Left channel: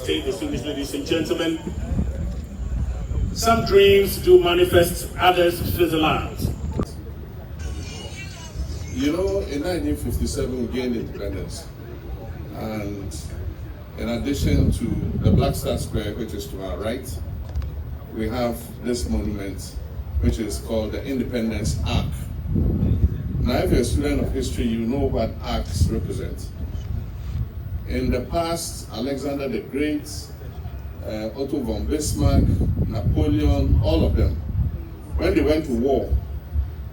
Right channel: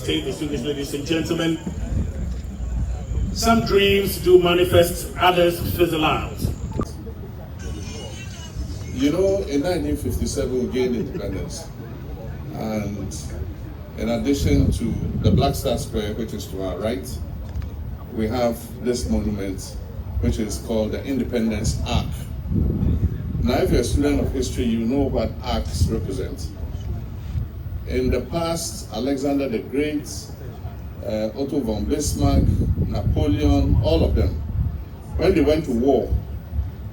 state, distinguished ladies and gentlemen. Some dreams do manifest, others fizzle out. You know, in 1957 we gained independence, and in addition to the Black Star Square, which is to our right, we have this monument, which is called the Independence Arch. Now, if you're a student of history, you know what arcs represent. In the past, Alexander the Great, Otto von Bismarck, Napoleon, all of them, when they went to war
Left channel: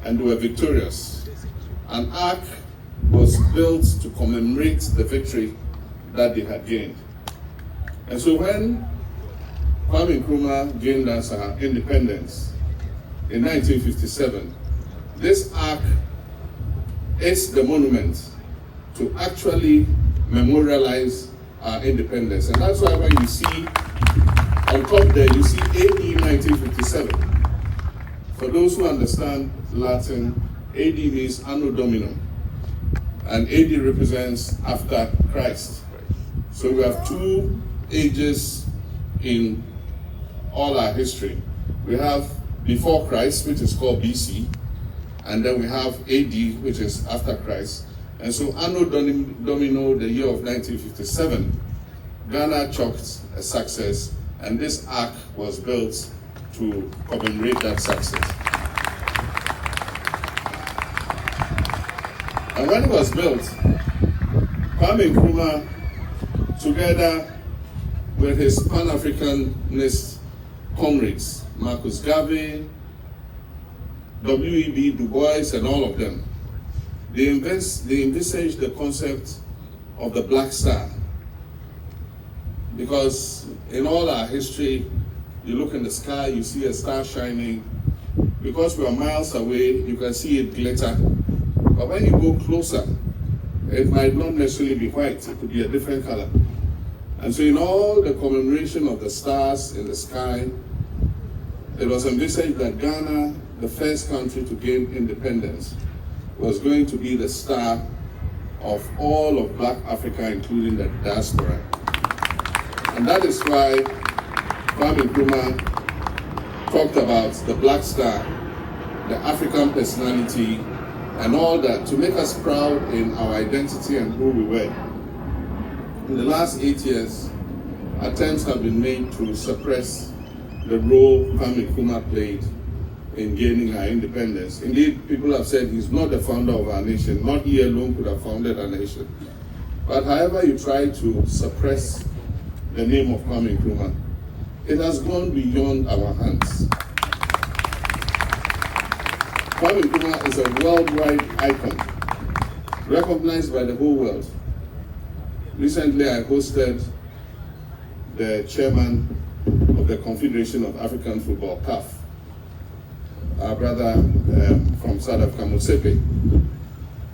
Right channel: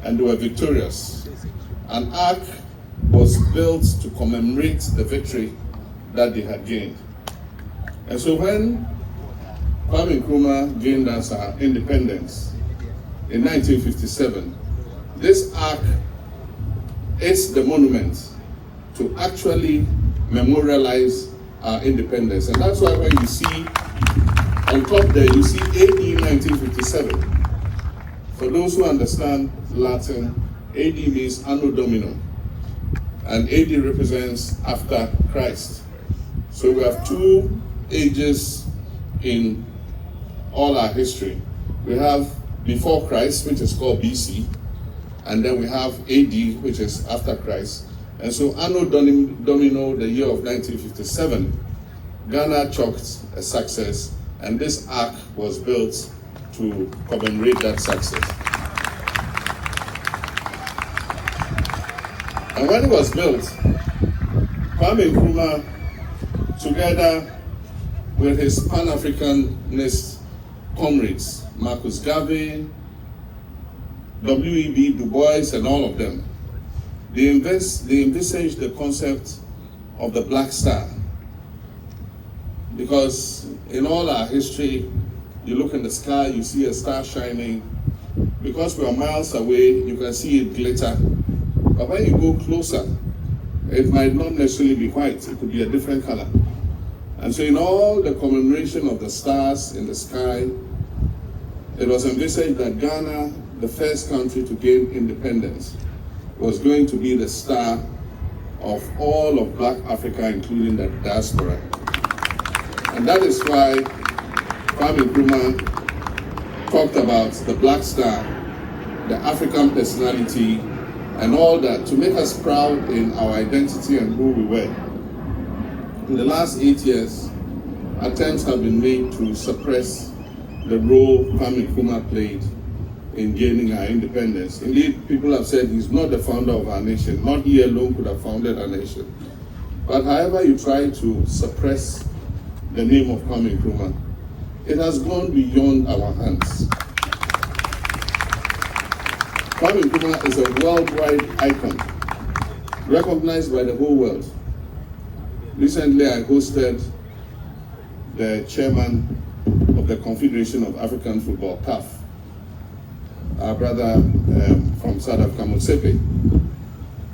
and they were victorious, an arch was built to commemorate the victory that they had gained. And so when Kwame Nkrumah gained us our independence in 1957, this arch is the monument to actually memorialize our independence. And that's why when you see on top there, you see AD 1957. For those who understand Latin, AD means Anno Domini, and AD represents after Christ. So we have two ages in all our history. We have before Christ, which is called BC, and then we have AD, which is after Christ. And so Anno Domini, the year of 1957, Ghana chalked a success, and this arch was built to commemorate that success. And when it was built, Kwame Nkrumah, together with his Pan-Africanist comrades, Marcus Garvey, W.E.B. Du Bois, and all of them, they envisaged the concept of the Black Star. Because in all our history, you look in the sky, you see a star shining. Because we are miles away, you can see it glitter. But when you go closer, it might not necessarily be white, it could be a different color. And so in all the commemoration of the stars in the sky, it was envisaged that Ghana, the first country to gain independence, was going to be the star of all of Black Africa, including the diaspora. And that is why Kwame Nkrumah talked about the Black Star, the African personality, and all that, to make us proud in our identity and who we were. In the last 8 years, attempts have been made to suppress the role Kwame Nkrumah played in gaining our independence. Indeed, people have said he's not the founder of our nation. Not he alone could have founded our nation. But however you try to suppress the name of Kwame Nkrumah, it has gone beyond our hands. Kwame Nkrumah is a worldwide icon, recognized by the whole world. Recently, I hosted the chairman of the Confederation of African Football, CAF, our brother from South Africa, Mosepe.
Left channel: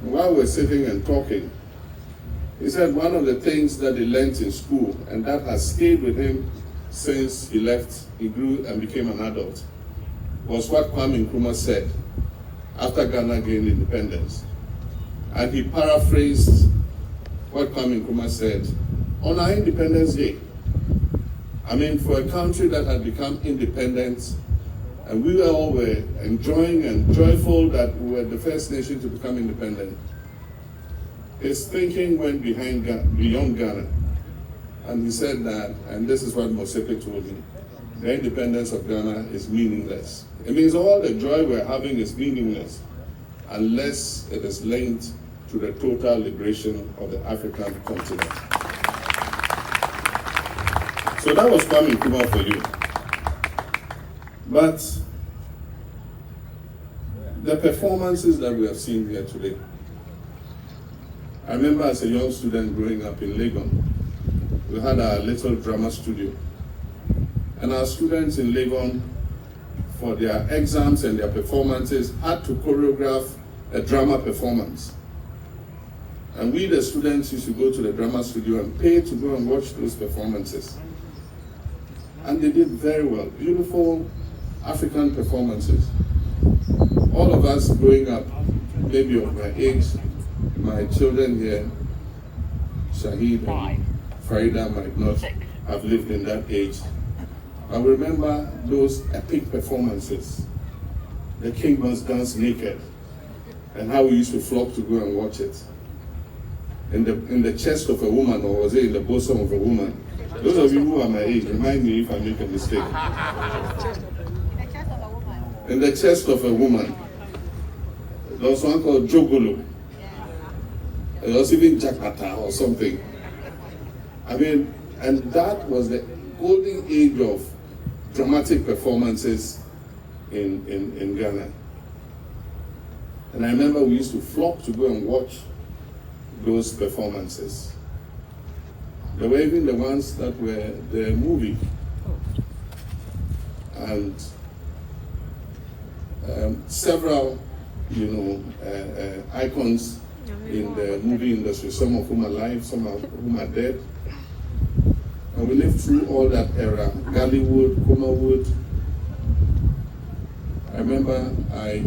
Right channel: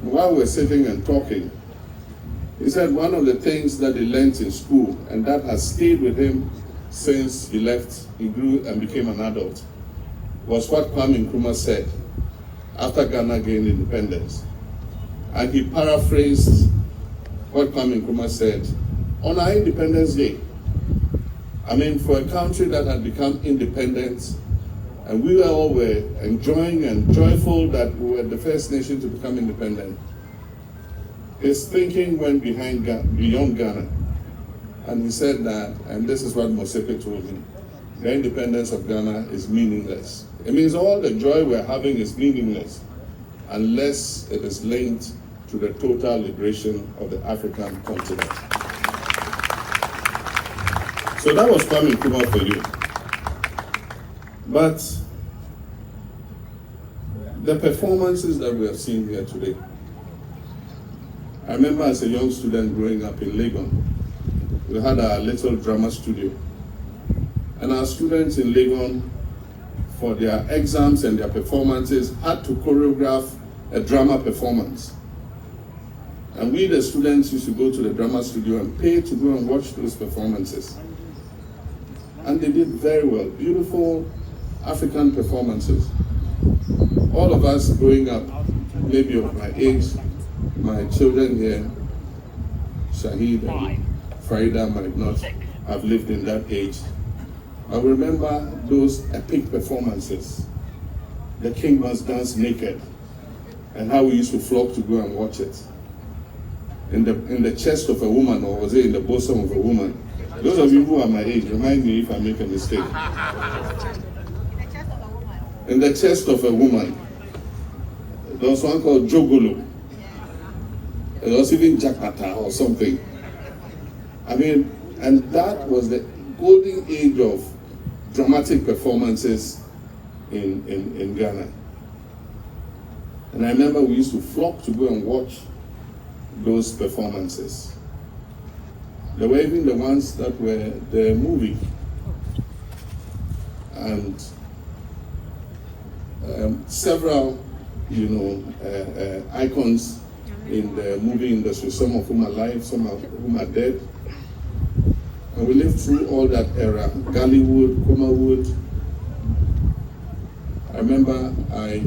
While we were sitting and talking, he said one of the things that he learned in school, and that has stayed with him since he left, he grew and became an adult, was what Kwame Nkrumah said after Ghana gained independence. And he paraphrased what Kwame Nkrumah said on our Independence Day. I mean, for a country that had become independent, and we all were enjoying and joyful that we were the first nation to become independent, his thinking went beyond Ghana. And he said that, and this is what Mosepe told me, the independence of Ghana is meaningless. It means all the joy we're having is meaningless unless it is linked to the total liberation of the African continent. So that was Kwame Nkrumah for you. But the performances that we have seen here today, I remember as a young student growing up in Legon, we had our little drama studio. And our students in Legon, for their exams and their performances, had to choreograph a drama performance. And we, the students, used to go to the drama studio and pay to go and watch those performances. And they did very well. Beautiful African performances. All of us growing up, maybe of my age, my children here, Shahid and Farida might not I've lived in that age. I remember those epic performances. The king must dance naked, and how we used to flock to go and watch it. In the chest of a woman, or was it in the bosom of a woman? Those of you who are my age, remind me if I make a mistake. In the chest of a woman. There was one called Jogolo. There was even Jakarta or something. I mean, and that was the golden age of dramatic performances in Ghana. And I remember we used to flock to go and watch those performances. There were even the ones that were the movie. And several, icons in the movie industry, some of whom are alive, some of whom are dead. And we lived through all that era, Gollywood, Comerwood. I remember I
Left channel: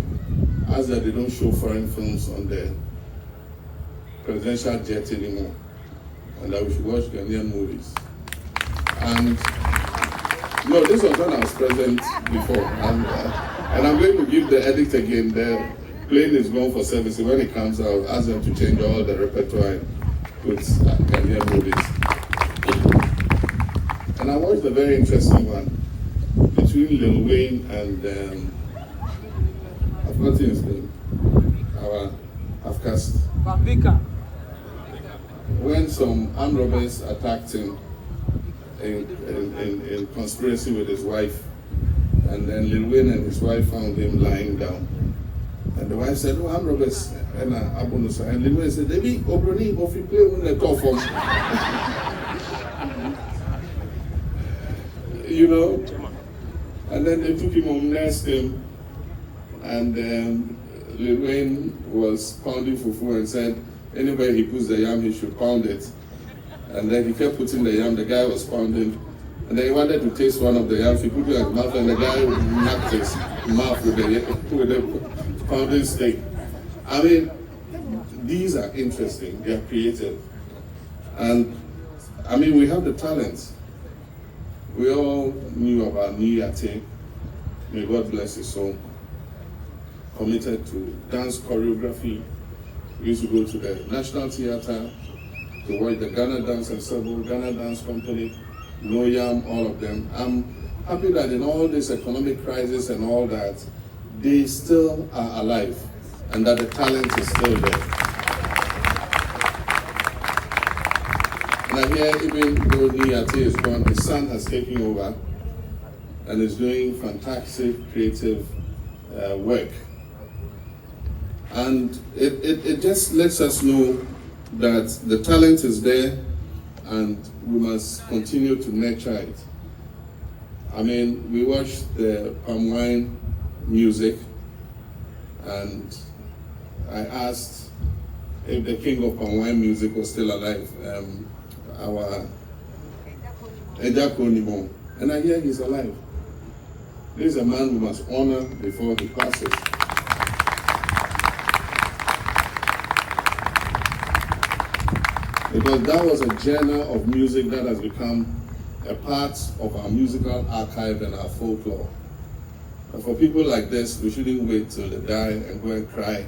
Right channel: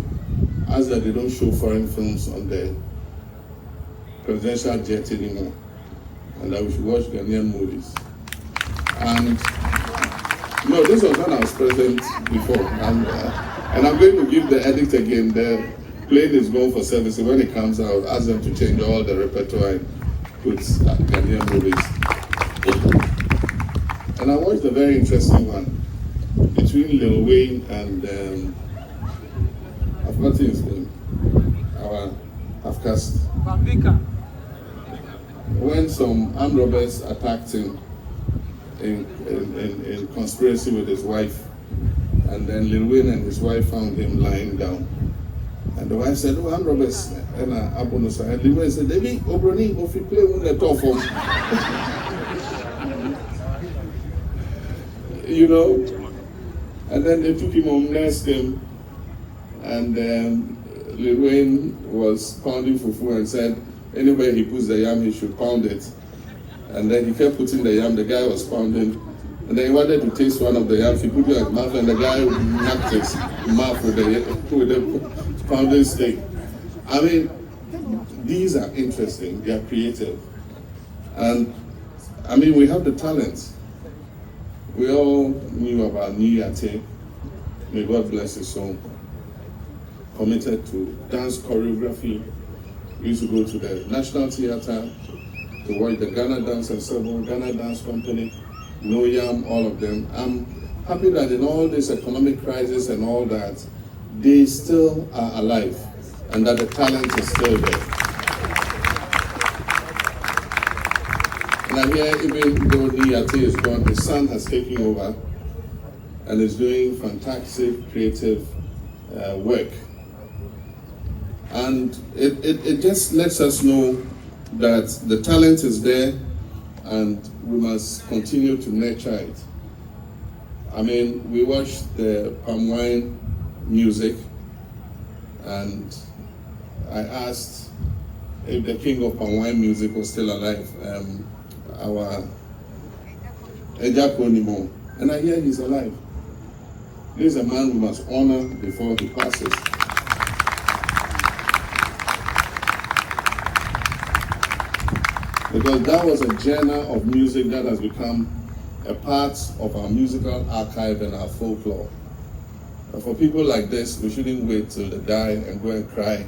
asked that they don't show foreign films on the presidential jet anymore, and that we should watch Ghanaian movies. And no, this was when I was president before, and I'm going to give the edict again. The plane is going for service, and when it comes out, I'll ask them to change all the repertoire and put Ghanaian movies. And I watched a very interesting one between Lil Wayne and I've got his name, our Afcast. When some armed robbers attacked him in conspiracy with his wife, and then Lil Wayne and his wife found him lying down. And the wife said, "Oh, armed robbers," and Lil Wayne said, "Debbie, Obroni, if you play when they talk for and then they took him home, nursed him, and Lil Wayne was pounding fufu and said, anywhere he puts the yam, he should pound it. And then he kept putting the yam, the guy was pounding, and then he wanted to taste one of the yams, he put it in his mouth, and the guy knocked his mouth with the pounding stick. I mean, these are interesting, they're creative. And I mean, we have the talent. We all knew about Niyate, may God bless his soul, committed to dance choreography. We used to go to the National Theatre to watch the Ghana Dance Ensemble, Ghana Dance Company, Noyam, all of them. I'm happy that in all this economic crisis and all that, they still are alive and that the talent is still there. And here, even though Niyate is gone, his son has taken over and is doing fantastic creative work. And it just lets us know that the talent is there and we must continue to nurture it. I mean, we watched the palm wine music, and I asked if the king of palm wine music was still alive, our Ejakonimo, and I hear he's alive. This is a man we must honor before he passes. Because that was a genre of music that has become a part of our musical archive and our folklore. And for people like this, we shouldn't wait till they die and go and cry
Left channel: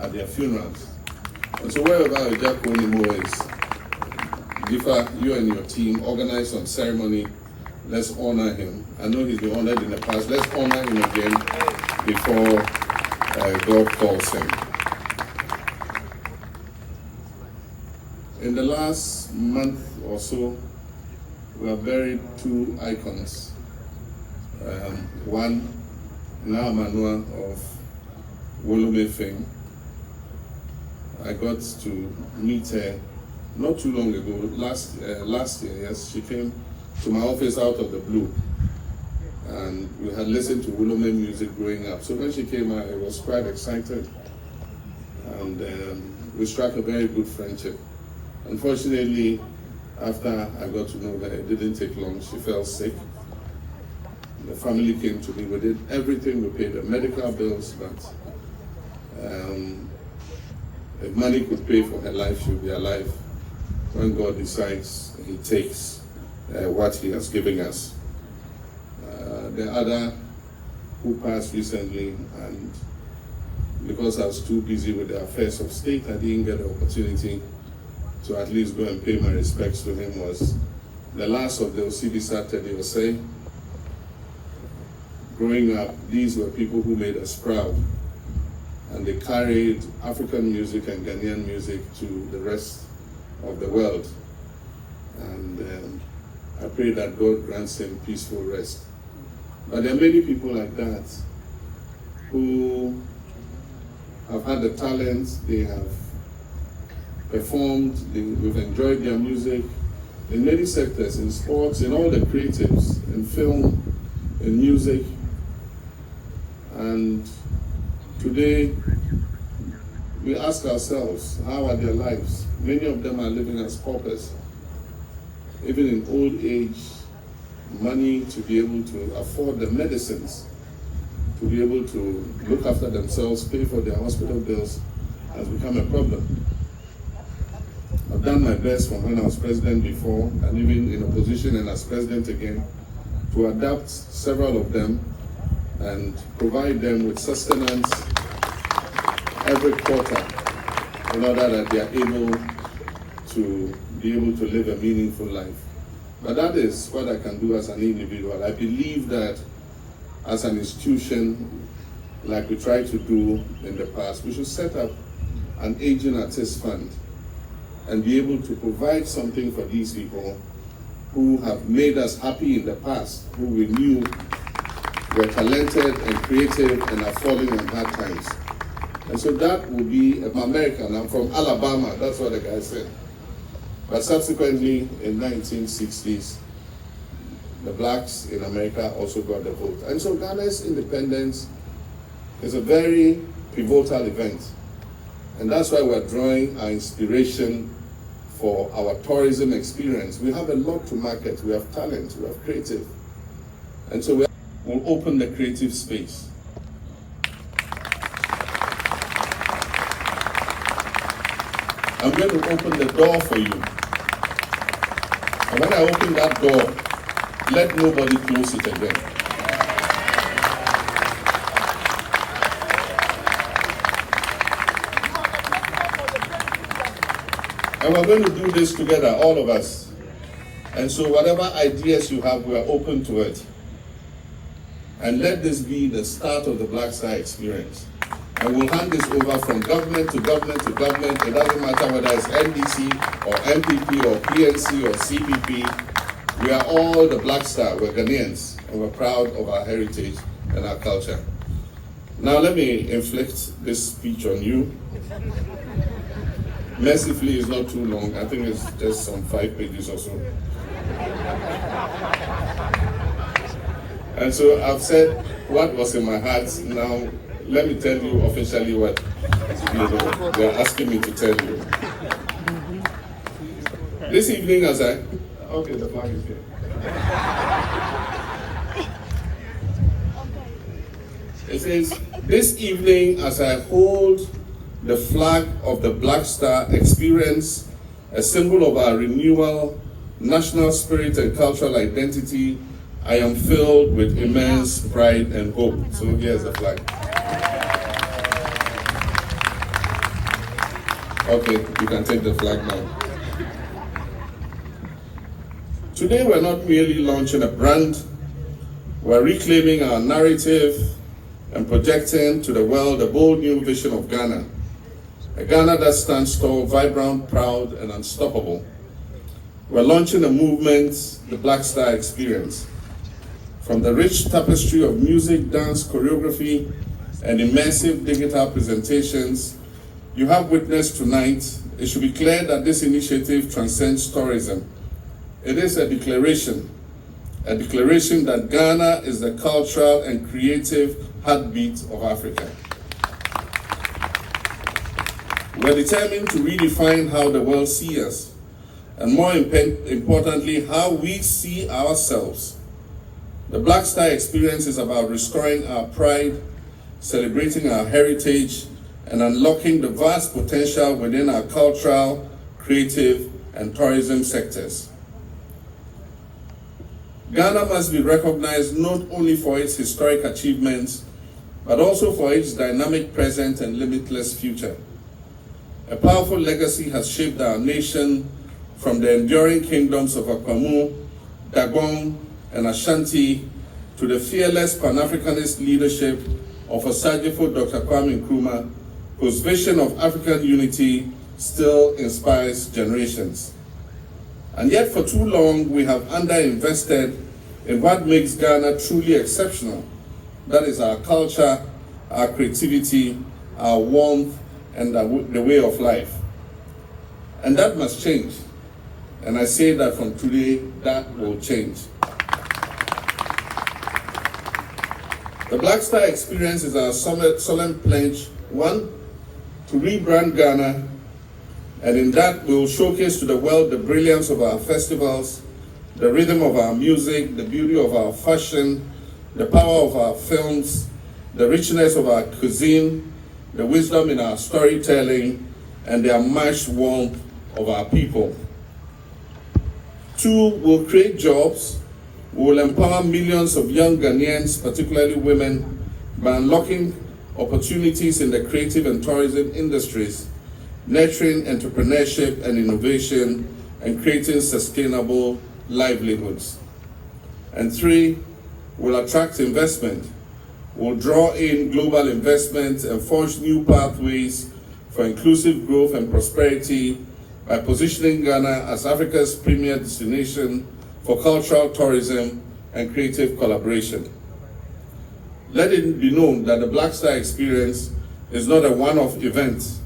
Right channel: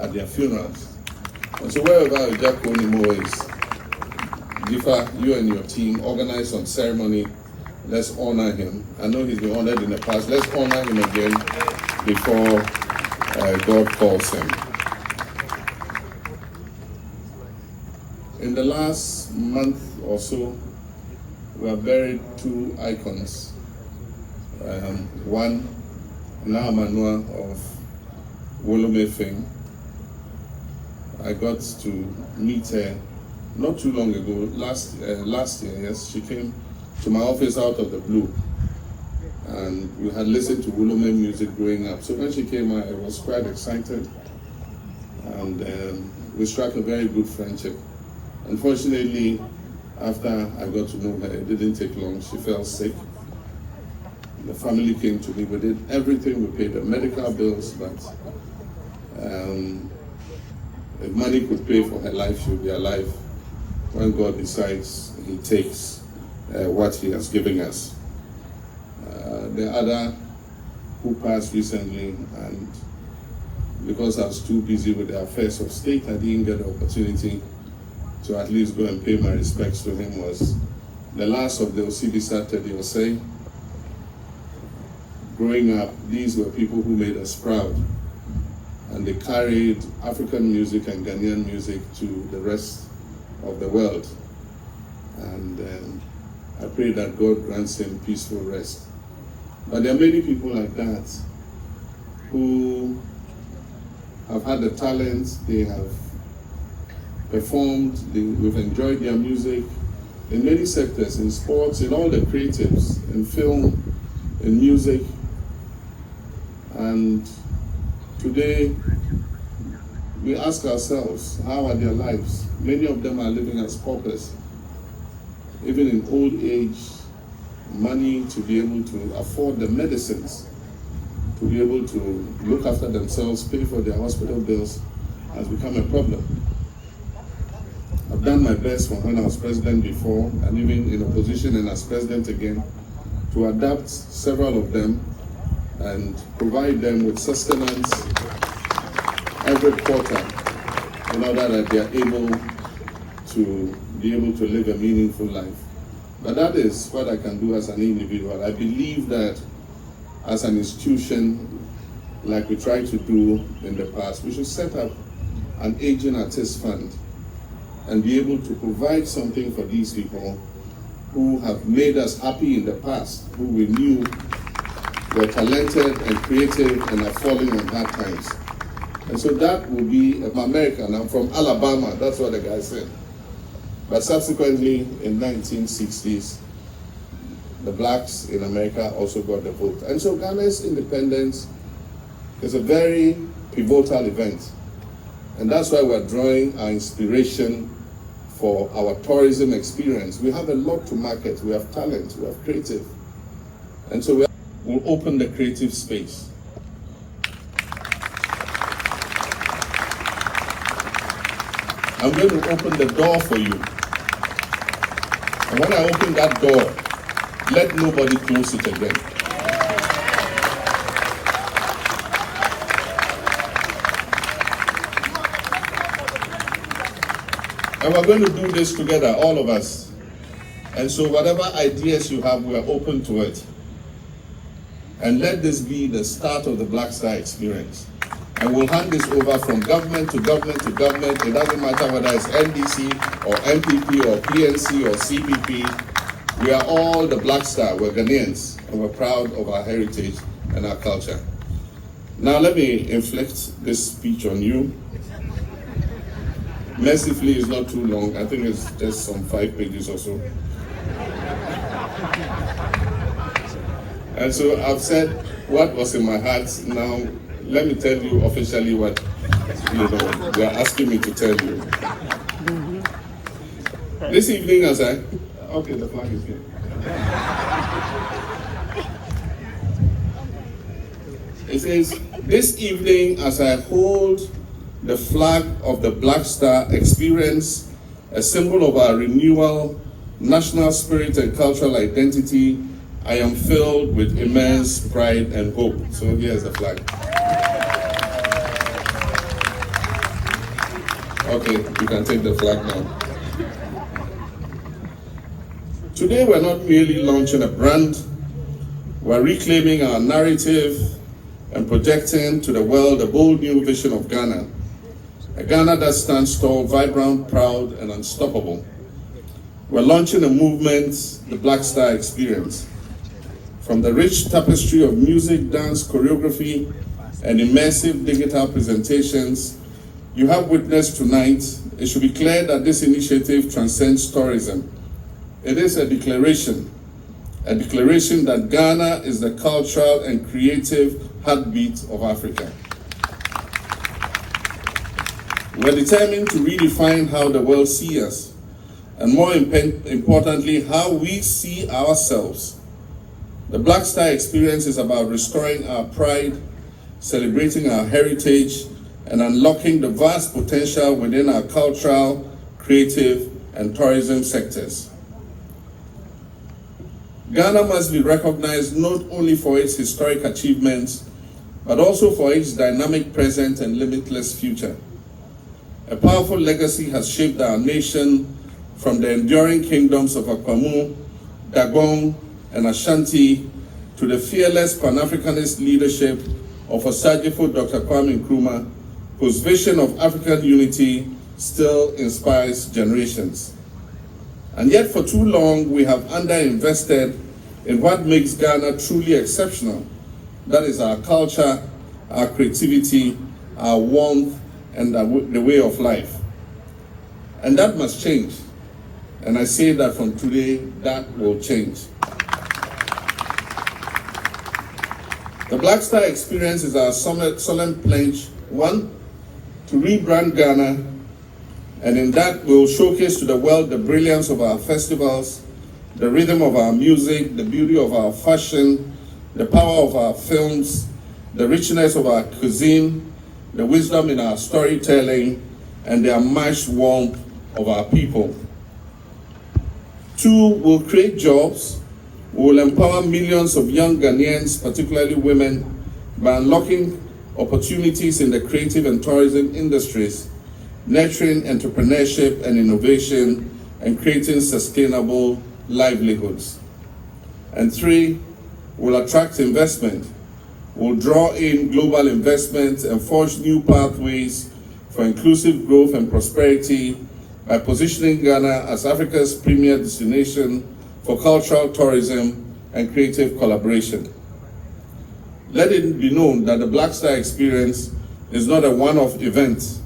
at their funerals. And so wherever Ejakonimo is, Gifa, you and your team organize some ceremony. Let's honor him. I know he's been honored in the past. Let's honor him again before God calls him. In the last month or so, we have buried two icons. One, Nkrumah of Wolome fame. I got to meet her not too long ago, last year, yes. She came to my office out of the blue. And we had listened to Wolome music growing up. So when she came, I was quite excited. And we struck a very good friendship. Unfortunately, after I got to know her, it didn't take long. She fell sick. The family came to me. We did everything. We paid the medical bills, but if money could pay for her life, she would be alive. When God decides, He takes. what he has given us. The other who passed recently, and because I was too busy with the affairs of state, I didn't get the opportunity to at least go and pay my respects to him, was the last of the Osibisa Tediose. Growing up, these were people who made us proud, and they carried African music and Ghanaian music to the rest of the world. And I pray that God grants him peaceful rest. But there are many people like that who have had the talent, they have performed, we've enjoyed their music in many sectors, in sports, in all the creatives, in film, in music. And today, we ask ourselves, how are their lives? Many of them are living as paupers. Even in old age, money to be able to afford the medicines, to be able to look after themselves, pay for their hospital bills, has become a problem. I've done my best from when I was president before, and even in a position and as president again, to adapt several of them and provide them with sustenance every quarter in order that they are able to live a meaningful life. But that is what I can do as an individual. I believe that as an institution, like we tried to do in the past, we should set up an aging artist fund and be able to provide something for these people who have made us happy in the past, who we knew were talented and creative and are falling on hard times. And so that will be American. I'm from Alabama, that's what the guy said. But subsequently, in 1960s, the blacks in America also got the vote. And so Ghana's independence is a very pivotal event. And that's why we're drawing our inspiration for our tourism experience. We have a lot to market, we have talent, we have creative. And so we'll open the creative space. I'm going to open the door for you. And when I open that door, let nobody close it again. And we're going to do this together, all of us. And so whatever ideas you have, we are open to it. And let this be the start of the Black Star experience. And we'll hand this over from government to government to government. It doesn't matter whether it's NDC or MPP or PNC or CPP. We are all the Black Star. We're Ghanaians, and we're proud of our heritage and our culture. Now let me inflict this speech on you. Mercifully, it's not too long. I think it's just some 5 pages or so. And so I've said what was in my heart. Now, let me tell you officially what they're asking me to tell you. This evening as okay, the flag is here. It says, this evening as I hold the flag of the Black Star experience, a symbol of our renewal, national spirit and cultural identity, I am filled with immense pride and hope. So here's the flag. Okay, you can take the flag now. Today we're not merely launching a brand, we're reclaiming our narrative and projecting to the world a bold new vision of Ghana. A Ghana that stands tall, vibrant, proud, and unstoppable. We're launching a movement, the Black Star Experience. From the rich tapestry of music, dance, choreography, and immersive digital presentations you have witnessed tonight, it should be clear that this initiative transcends tourism. It is a declaration that Ghana is the cultural and creative heartbeat of Africa. We're determined to redefine how the world sees us, and more importantly, how we see ourselves. The Black Star Experience is about restoring our pride, celebrating our heritage, and unlocking the vast potential within our cultural, creative, and tourism sectors. Ghana must be recognized not only for its historic achievements, but also for its dynamic present and limitless future. A powerful legacy has shaped our nation from the enduring kingdoms of Kwame, Dagong, and Ashanti to the fearless Pan-Africanist leadership of Osajifo Dr. Kwame Nkrumah, whose vision of African unity still inspires generations. And yet for too long, we have underinvested in what makes Ghana truly exceptional. That is our culture, our creativity, our warmth, and the way of life. And that must change. And I say that from today, that will change. The Black Star Experience is our solemn pledge, one, to rebrand Ghana, and in that we'll showcase to the world the brilliance of our festivals, the rhythm of our music, the beauty of our fashion, the power of our films, the richness of our cuisine, the wisdom in our storytelling, and the unmatched warmth of our people. Two, we'll create jobs. We'll empower millions of young Ghanaians, particularly women, by unlocking opportunities in the creative and tourism industries, nurturing entrepreneurship and innovation, and creating sustainable livelihoods. And three, we'll attract investment. We'll draw in global investment and forge new pathways for inclusive growth and prosperity by positioning Ghana as Africa's premier destination for cultural tourism and creative collaboration. Let it be known that the Black Star Experience is not a one-off event.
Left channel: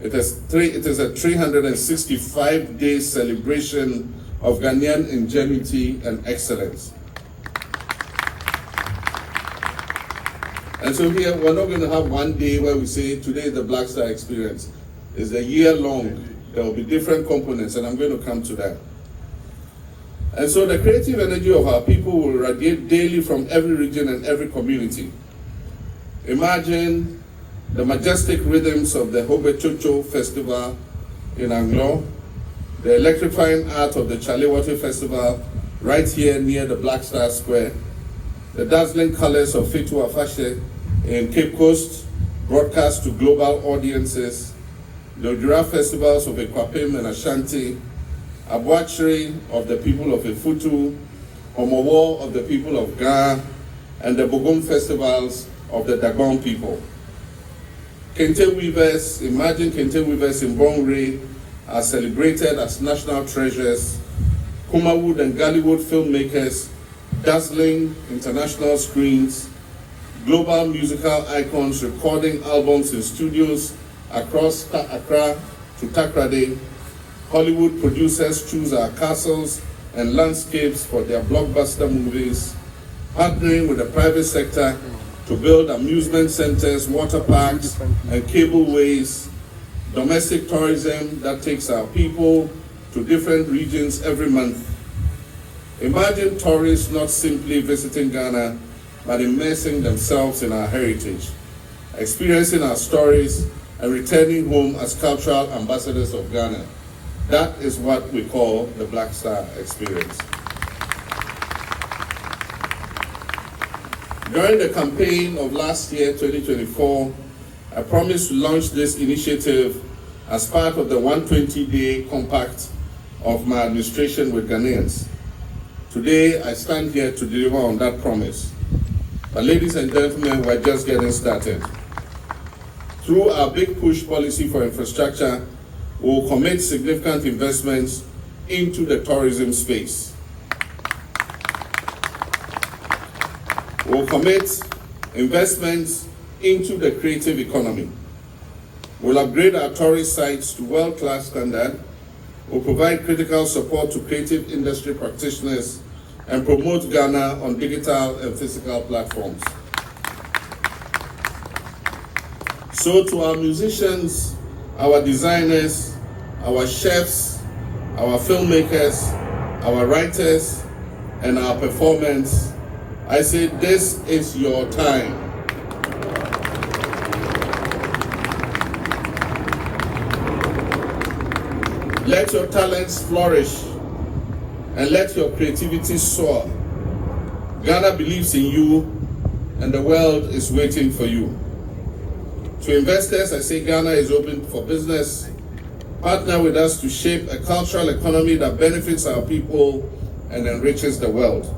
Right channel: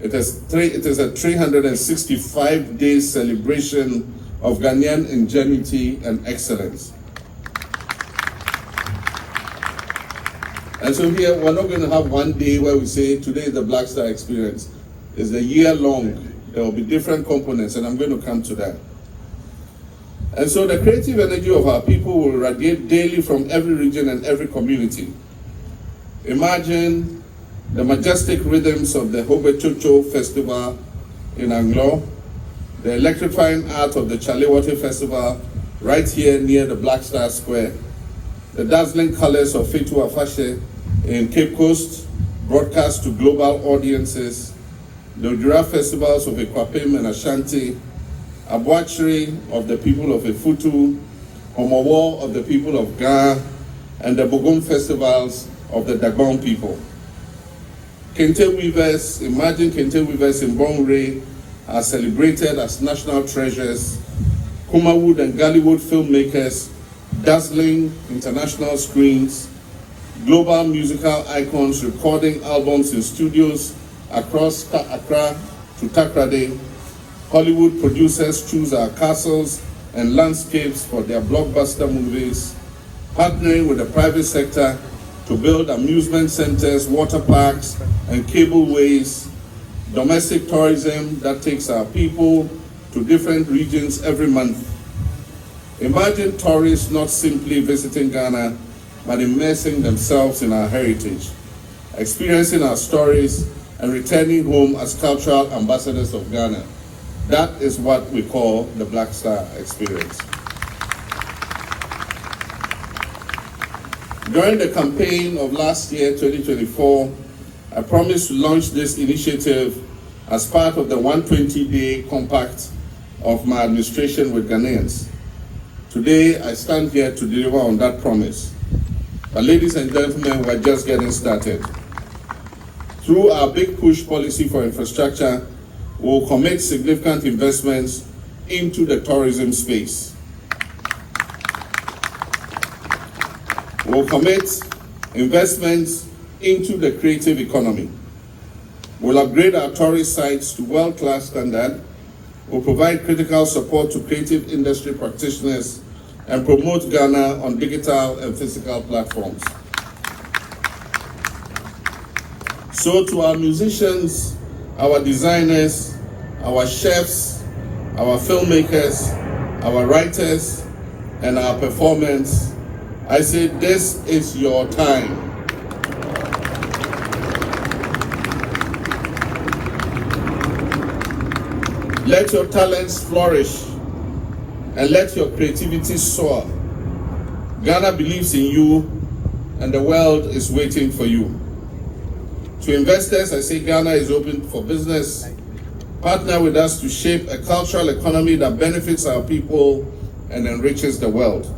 It is a 365-day celebration of Ghanaian ingenuity and excellence. And so here, we're not going to have one day where we say, today is the Black Star Experience. It's a year long. There will be different components, and I'm going to come to that. And so the creative energy of our people will radiate daily from every region and every community. Imagine the majestic rhythms of the Hobechocho Festival in Anglo, the electrifying art of the Chalewate Festival right here near the Black Star Square, the dazzling colors of Fetu Afashe in Cape Coast, broadcast to global audiences, the Odira festivals of Ekwapim and Ashanti, Abuachiri of the people of Efutu, Omowo of the people of Ghana, and the Bogum festivals of the Dagong people. Kente weavers, imagine Kente weavers in Bongre are celebrated as national treasures. Kumawood and Gallywood filmmakers, dazzling international screens, global musical icons recording albums in studios across Accra to Takrade. Hollywood producers choose our castles and landscapes for their blockbuster movies, partnering with the private sector to build amusement centers, water parks, and cableways, domestic tourism that takes our people to different regions every month. Imagine tourists not simply visiting Ghana, but immersing themselves in our heritage, experiencing our stories, and returning home as cultural ambassadors of Ghana. That is what we call the Black Star Experience. During the campaign of last year, 2024, I promised to launch this initiative as part of the 120-day compact of my administration with Ghanaians. Today, I stand here to deliver on that promise. But ladies and gentlemen, we're just getting started. Through our Big Push policy for infrastructure, we'll commit significant investments into the tourism space. We'll commit investments into the creative economy. We'll upgrade our tourist sites to world-class standard. We'll provide critical support to creative industry practitioners and promote Ghana on digital and physical platforms. So to our musicians, our designers, our chefs, our filmmakers, our writers, and our performers, I say this is your time. Let your talents flourish and let your creativity soar. Ghana believes in you, and the world is waiting for you. To investors, I say Ghana is open for business. Partner with us to shape a cultural economy that benefits our people and enriches the world.